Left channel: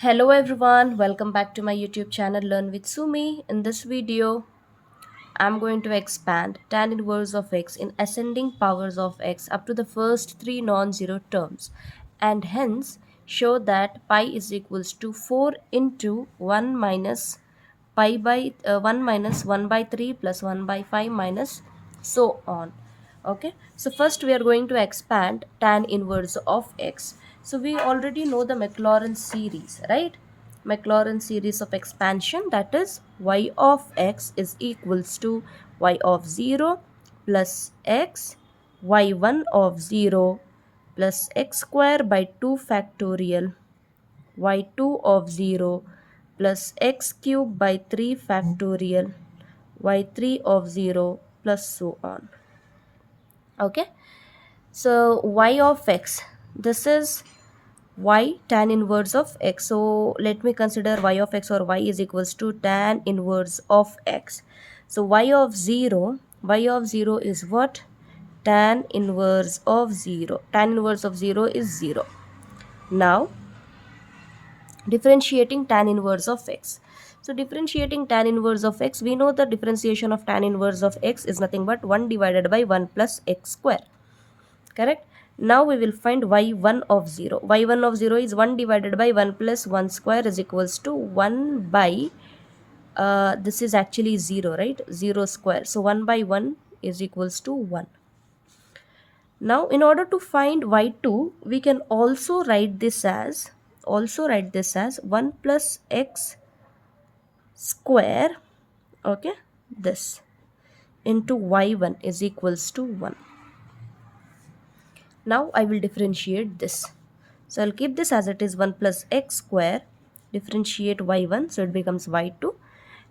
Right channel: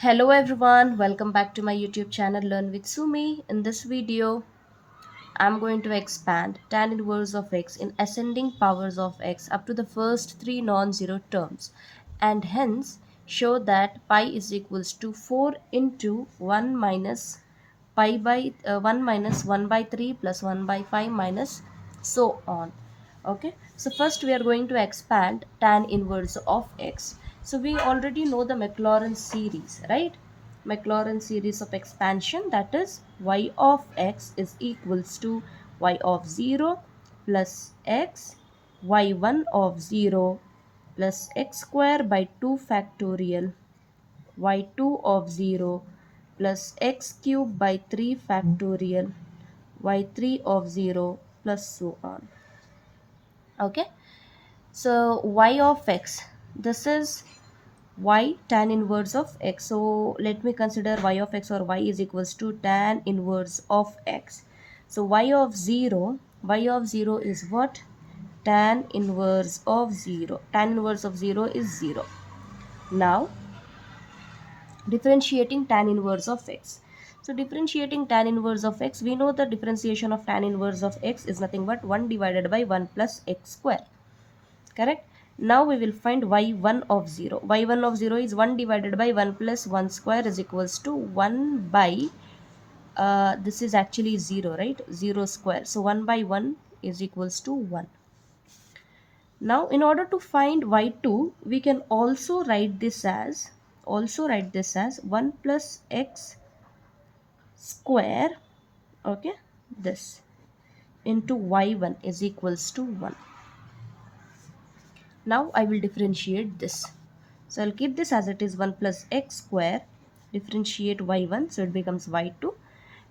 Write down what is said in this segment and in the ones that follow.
Hello everyone, welcome back to my YouTube channel Learn with Sumi. In this video, I'm going to expand tan inverse of x in ascending powers of x up to the first three non-zero terms and hence show that pi is equals to 4 into 1 minus pi by 1 minus 1 by 3 plus 1 by 5 minus so on. Okay, so first we are going to expand tan inverse of x. So we already know the Maclaurin series, right? Maclaurin series of expansion, that is y of x is equals to y of 0 plus x y1 of 0 plus x square by 2 factorial y2 of 0 plus x cube by 3 factorial y3 of 0 plus so on. Okay, so y of x, this is y tan inverse of x. So let me consider y of x, or y is equals to tan inverse of x. So y of 0 is what? Tan inverse of 0. Tan inverse of 0 is 0. Now differentiating tan inverse of x. So differentiating tan inverse of x, we know the differentiation of tan inverse of x is nothing but 1 divided by 1 plus x square. Correct? Now we will find y1 of 0. y1 of 0 is 1 divided by 1 plus 1 square is equals to 1 by, this is actually 0, right? 0 square. So 1 by 1 is equals to 1. Now in order to find y2, we can also write this as 1 plus x square, okay, this into y1 is equals to 1. Now I will differentiate this. So I'll keep this as it is 1 plus x square, differentiate y1, so it becomes y2.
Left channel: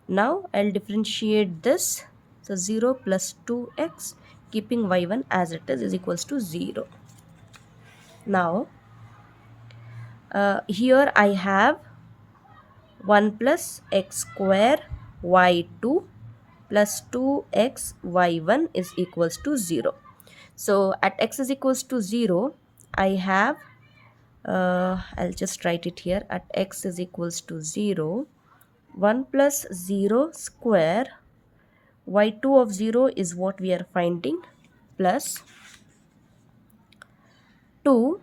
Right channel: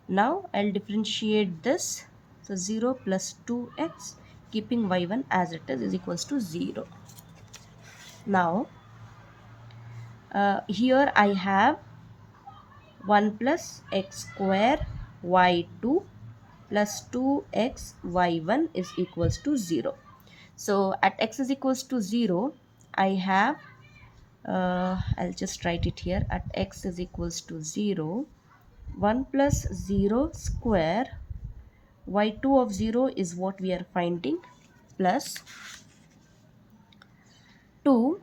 Now I'll differentiate this, so 0 plus 2x, keeping y1 as it is equals to 0. Now here I have 1 plus x square y2 plus 2x y1 is equals to 0. So at x is equals to 0, I have, I'll just write it here, at x is equals to 0, 1 plus 0 square y2 of 0 is what we are finding, plus 2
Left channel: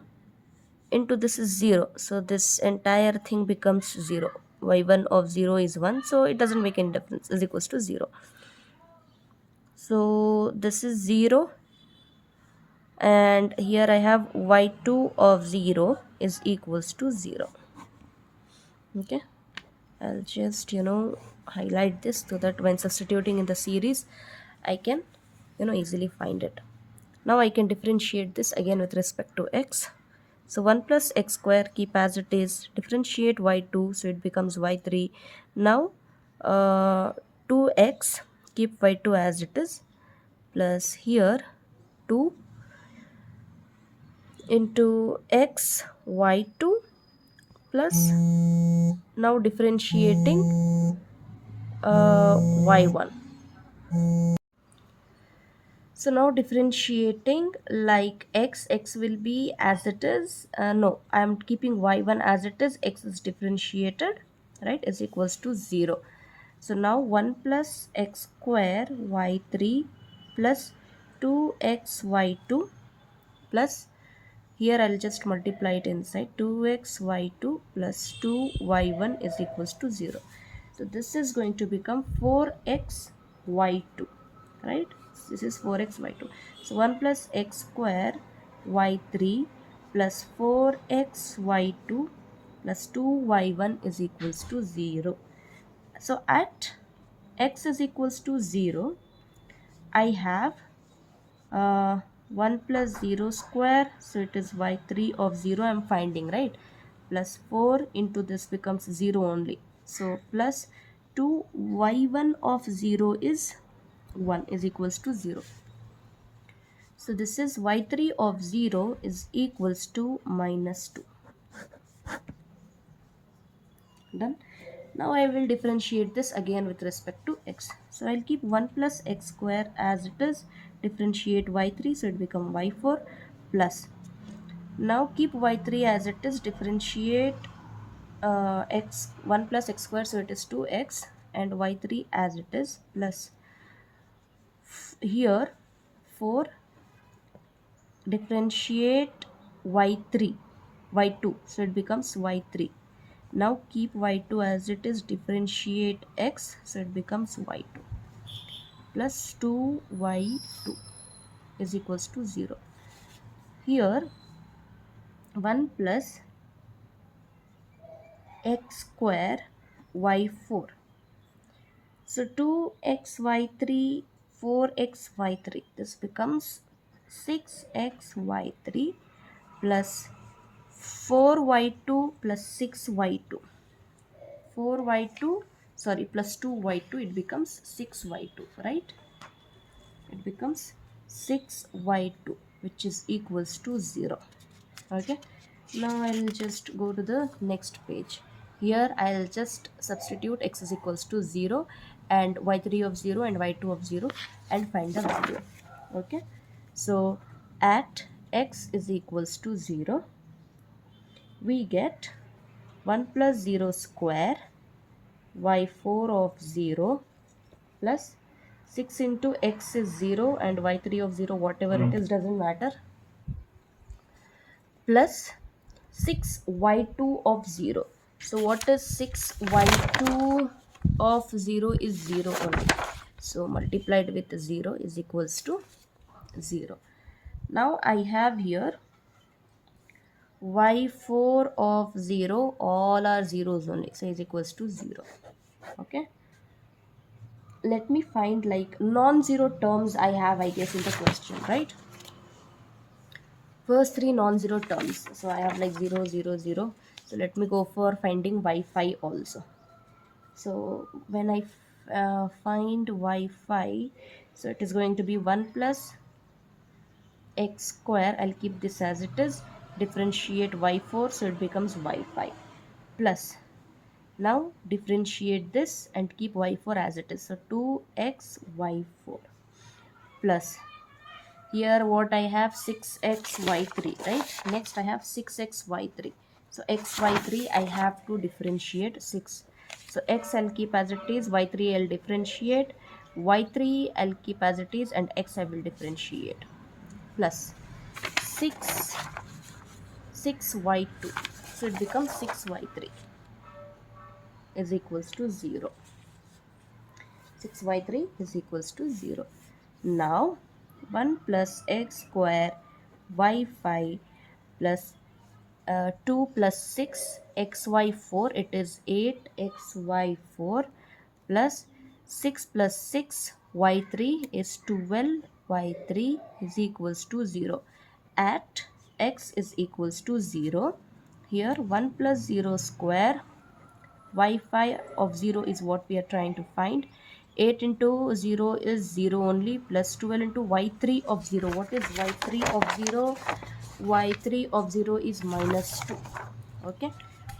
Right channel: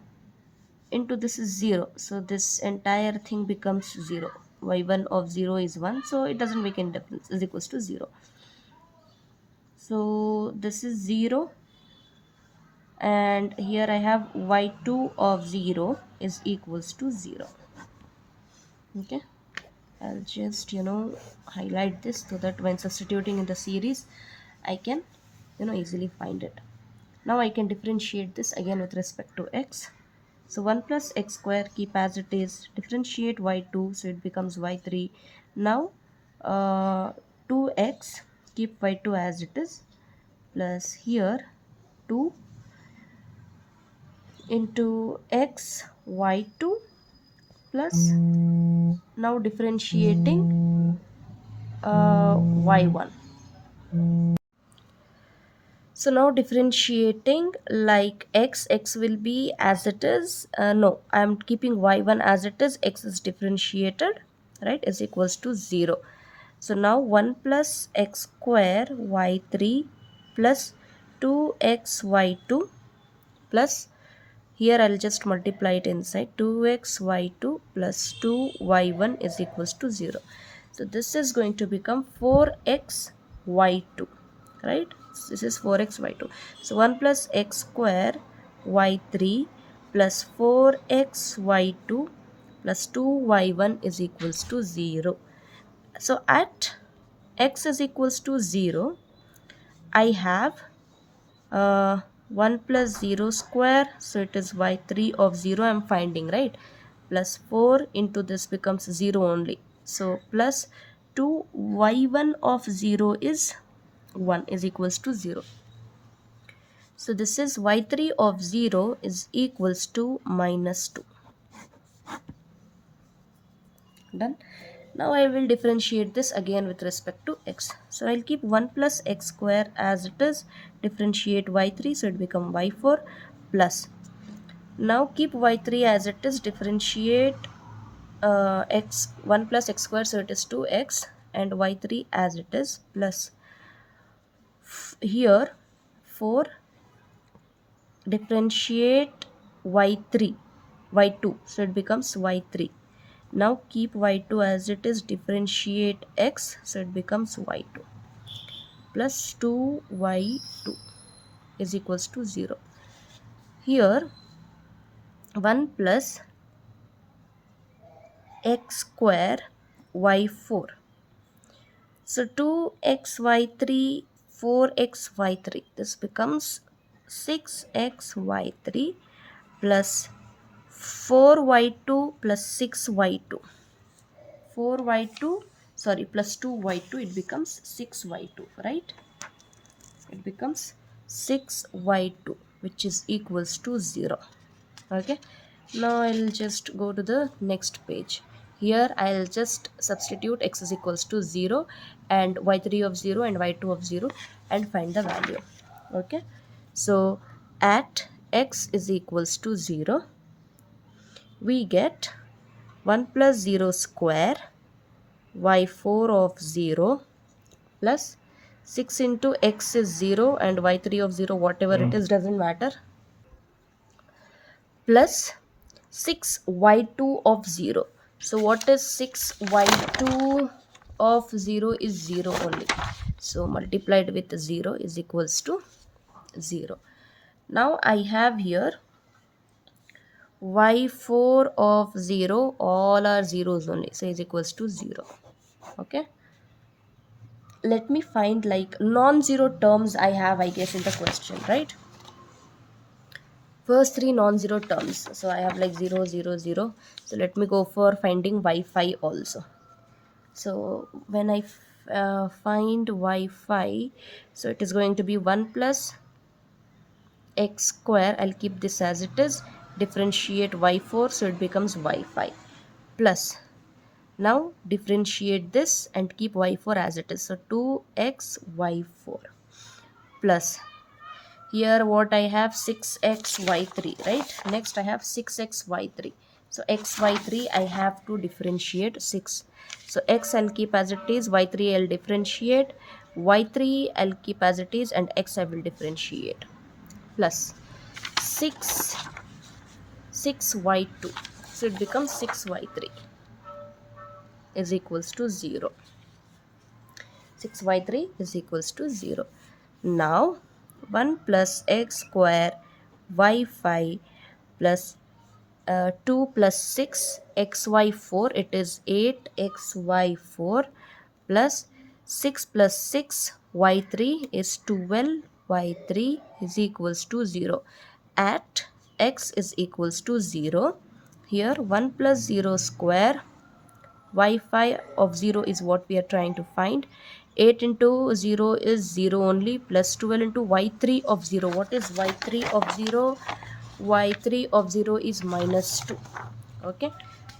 into this is 0, so this entire thing becomes 0. y1 of 0 is 1, so it doesn't make any difference, is equals to 0. So this is 0, and here I have y2 of 0 is equals to 0. Okay, I'll just highlight this so that when substituting in the series I can easily find it. Now I can differentiate this again with respect to x. So 1 plus x square, keep as it is, differentiate y2, so it becomes y3. Now 2x, keep y2 as it is, plus here 2 into x y2 plus, now differentiating y1. So now differentiating like x will be as it is, no, I am keeping y1 as it is, x is differentiated, right, is equals to 0. So now 1 plus x square y3 plus 2x y2 plus, here I'll just multiply it inside, 2x y2 plus 2y1 is equals to 0. So this is going to become 4x y2, right? This is 4x y2. So 1 plus x square y3 plus 4x y2 plus 2y1 is equals to 0. So at x is equals to 0, I have 1 plus 0 square, so it is y3 of 0 I am finding, right, plus 4 into this becomes 0 only, so plus 2 y1 of 0 is 1 is equals to 0. So this is y3 of 0 is equals to minus 2. Done. Now I will differentiate this again with respect to x. So I'll keep 1 plus x square as it is, differentiate y3, so it become y4 plus. Now keep y3 as it is, differentiate x 1 plus x square, so it is 2x, and y3 as it is, plus here 4 differentiate y3 y2, so it becomes y3. Now keep y2 as it is, differentiate x, so it becomes y2, plus 2y2 is equals to 0. Here 1 plus x square y4, so 2xy3 4xy3, this becomes 6xy3 plus 4y2 plus 6y2, 4y2, sorry, plus 2y2, it becomes 6y2, right? It becomes 6y2, which is equals to 0. Okay, now I'll just go to the next page. Here I'll just substitute x is equals to 0 and y3 of 0 and y2 of 0 and find the value. Okay, so at x is equals to 0, we get 1 plus 0 square y4 of 0 plus 6 into x is 0 and y3 of 0, whatever it is, doesn't matter, plus 6y2 of 0. So what is 6y2 of 0 is 0 only. So multiplied with 0 is equals to 0. Now I have here y4 of 0, all are zeros only, so is equals to 0. Okay, let me find like non-zero terms I have, I guess, in the question, right? First three non-zero terms, so I have like 0 0 0. So let me go for finding y5 also. So when I find y5, so it is going to be 1 plus x square, I'll keep this as it is, differentiate y4, so it becomes y5, plus now differentiate this and keep y4 as it is, so 2x y4, plus here what I have, 6xy3, right? Next I have 6xy3, so xy3 I have to differentiate 6, so x I'll keep as it is, y3 I'll differentiate, y3 I'll keep as it is, and x I will differentiate, plus 6 6y2, so it becomes 6y3 is equals to 0. 6y3 is equals to 0. Now 1 plus x square y5 plus 2 plus 6 xy4, it is 8xy4, plus 6 plus 6 y3 is 12 y3 is equals to 0. At x is equals to 0, here 1 plus 0 square y5 of 0 is what we are trying to find. 8 into 0 is 0 only, plus 12 into y3 of 0. What is y3 of 0? Y3 of 0 is minus 2. Okay,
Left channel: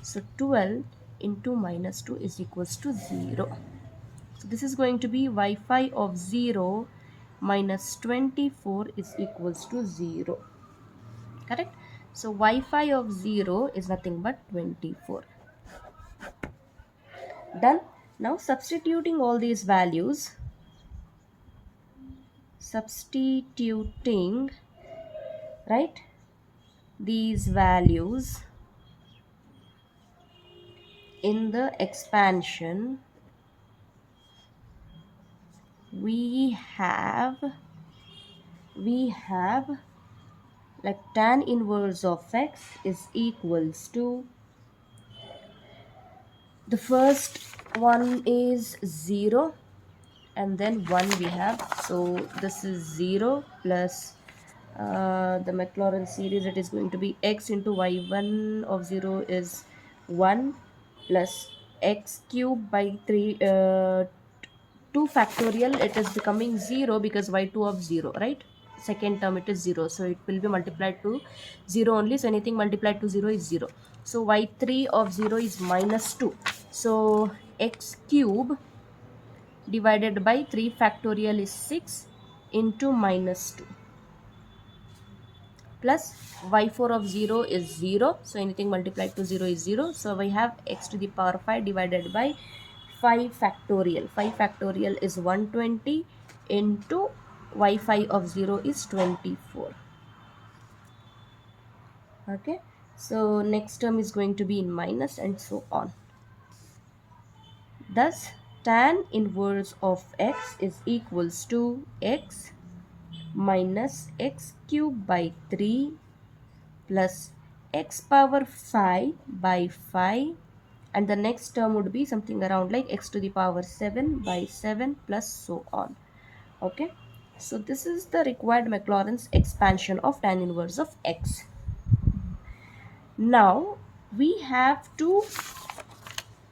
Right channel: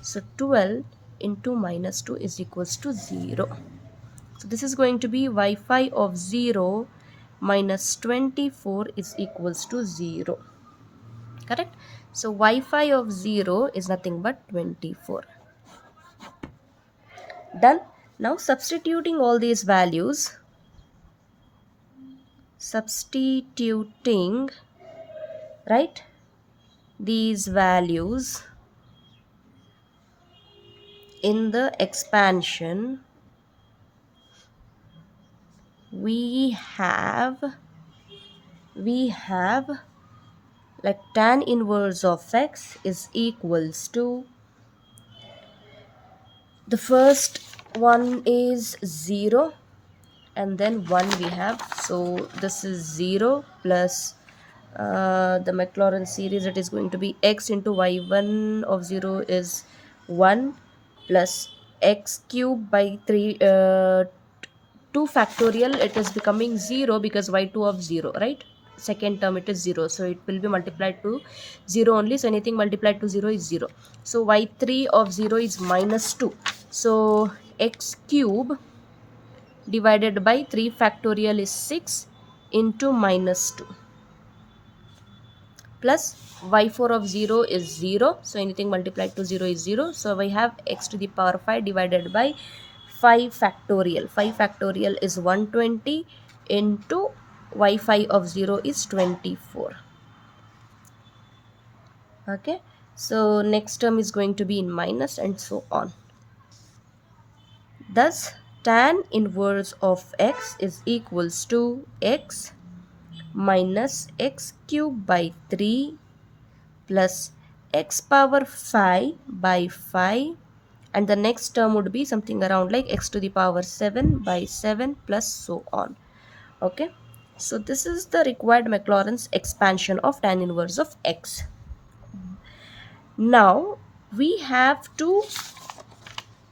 so 12 into minus 2 is equals to 0. So this is going to be y5 of 0 minus 24 is equals to 0. Correct? So y5 of 0 is nothing but 24. Done. Now substituting all these values, substituting, right, these values in the expansion, we have like tan inverse of x is equals to, the first one is 0 and then 1 we have, so this is 0 plus the Maclaurin series, it is going to be x into y1 of 0 is 1 plus x cube by 3 2 factorial, it is becoming 0 because y2 of 0, right? Second term it is 0, so it will be multiplied to 0 only, so anything multiplied to 0 is 0. So y3 of 0 is minus 2, so x cube divided by 3 factorial is 6 into minus 2 plus y4 of 0 is 0, so anything multiplied to 0 is 0. So we have x to the power 5 divided by 5 factorial. 5 factorial is 120 into y5 of 0 is 24. Okay, so next term is going to be in minus and so on. Thus tan inverse of x is equals to x minus x cube by 3 plus x power 5 by 5, and the next term would be something around like x to the power 7 by 7 plus so on. Okay, so this is the required Maclaurin's expansion of tan inverse of x. Now we have to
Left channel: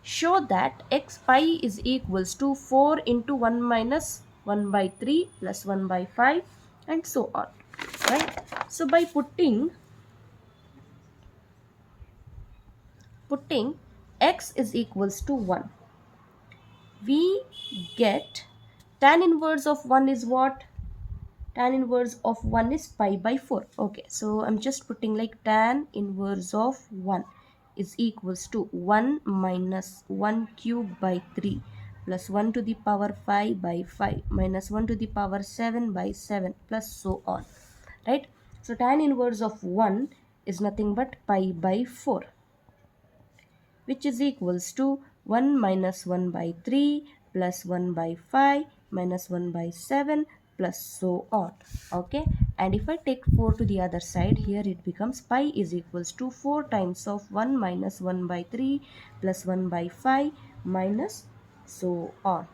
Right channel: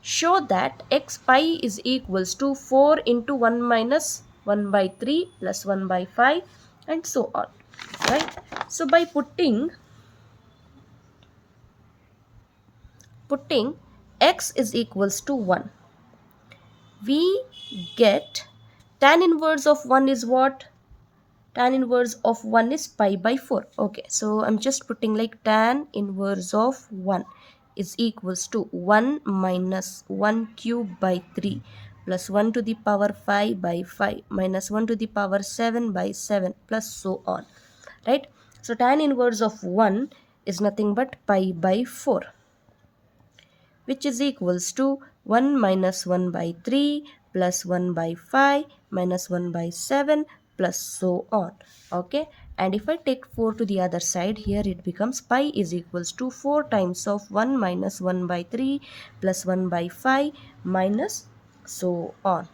show that x pi is equals to 4 into 1 minus 1 by 3 plus 1 by 5 and so on, right? So by putting x is equals to 1, we get tan inverse of 1 is what? Tan inverse of 1 is pi by 4. Okay, so I'm just putting like tan inverse of 1 is equals to 1 minus 1 cube by 3 plus 1 to the power 5 by 5 minus 1 to the power 7 by 7 plus so on, right? So tan inverse of 1 is nothing but pi by 4, which is equals to 1 minus 1 by 3 plus 1 by 5 minus 1 by 7 plus so on. Okay, and if I take 4 to the other side, here it becomes pi is equals to 4 times of 1 minus 1 by 3 plus 1 by 5 minus so on.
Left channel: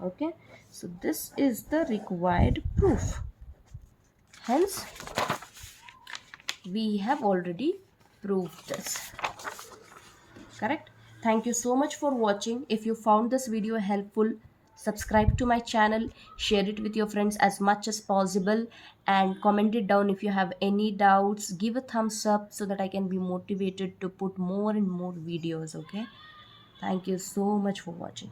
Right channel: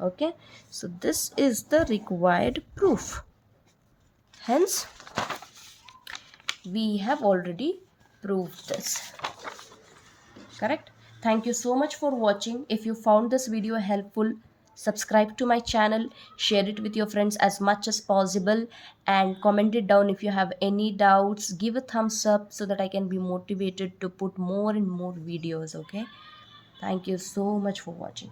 Okay, so this is the required proof. Hence, we have already proved this. Correct? Thank you so much for watching. If you found this video helpful, subscribe to my channel, share it with your friends as much as possible, and comment it down if you have any doubts. Give a thumbs up so that I can be motivated to put more and more videos. Okay, thank you so much for watching.